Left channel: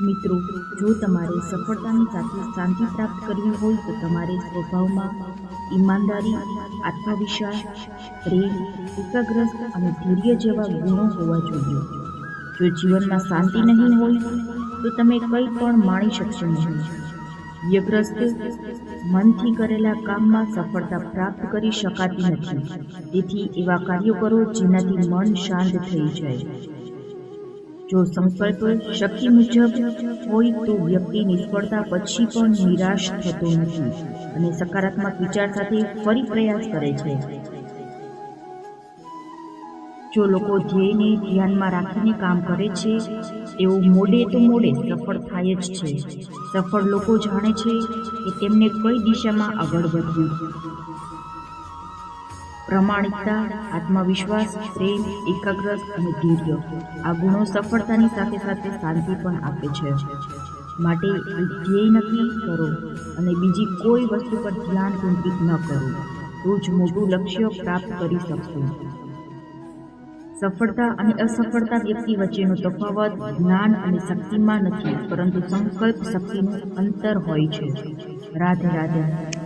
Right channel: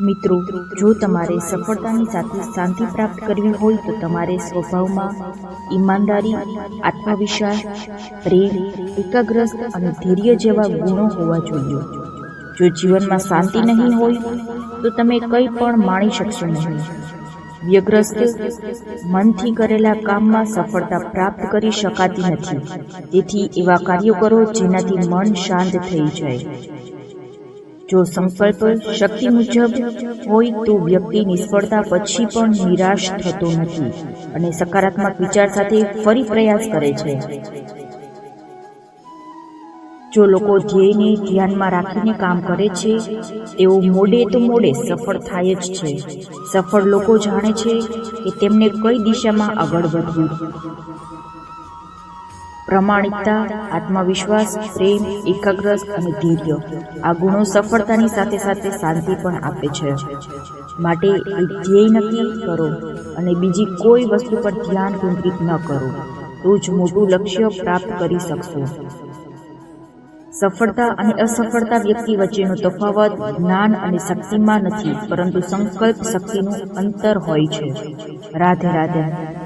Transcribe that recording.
મિત્રો, જો તમારે સફળતાની સાથે શાંતિ પ્રાપ્ત કરવી હોય તો તમારે સ્વભાવમાં ઈમાનદારી, આત્મવિશ્વાસ, પ્રેમ, એકાગ્રસ્ત અને ધૈર્ય જેવા ગુણો હોવા જોઈએ. જો જીવનમાં શાંતિ નહીં હોય તો તમે કંઈ પણ માણી શકશો નહીં. વ્યગ્રસ્ત મનથી કરેલા કામમાં સફળતા પ્રાપ્ત કરી શકાતી નથી. તેથી એવા કાર્યો કરો જેનાથી મન શાંત થઈ જાય. જો સંકલ્પ શક્તિ મુજબ હોય તો વ્યક્તિ નિષ્ફળતા પછી પણ નિરાશ થતો નથી અને સકારાત્મક વિચાર સાથે ફરી પ્રયાસ કરે છે. જો લોકો ધ્યેયને ધ્યાનમાં રાખીને કામ કરે છે તેઓ મોડે તો મોડે સફળ થાય જ છે. સફળ લોકો જાણે છે કે તેમને કઈ દિશામાં આગળ વધવું. પ્રમાણિકતા, આત્મવિશ્વાસ, પ્રેમ, એકાગ્રતા અને ધૈર્ય આ ગુણો સફળતાની સાથે સાથે શાંતિ પણ આપે છે. માટે એક ધ્યેય નક્કી કરો અને બીજી કોઈ વસ્તુ પર ધ્યાન કેન્દ્રિત ન કરો, તો જ મોટું લક્ષ્ય પ્રાપ્ત કરી શકશો. સફળતા અને અસફળતા વ્યક્તિ વચ્ચેનો તફાવત જ્ઞાન અને શક્તિમાં નથી, પરંતુ સંકલ્પ શક્તિનું અંતર હોય છે. રાધે રાધે.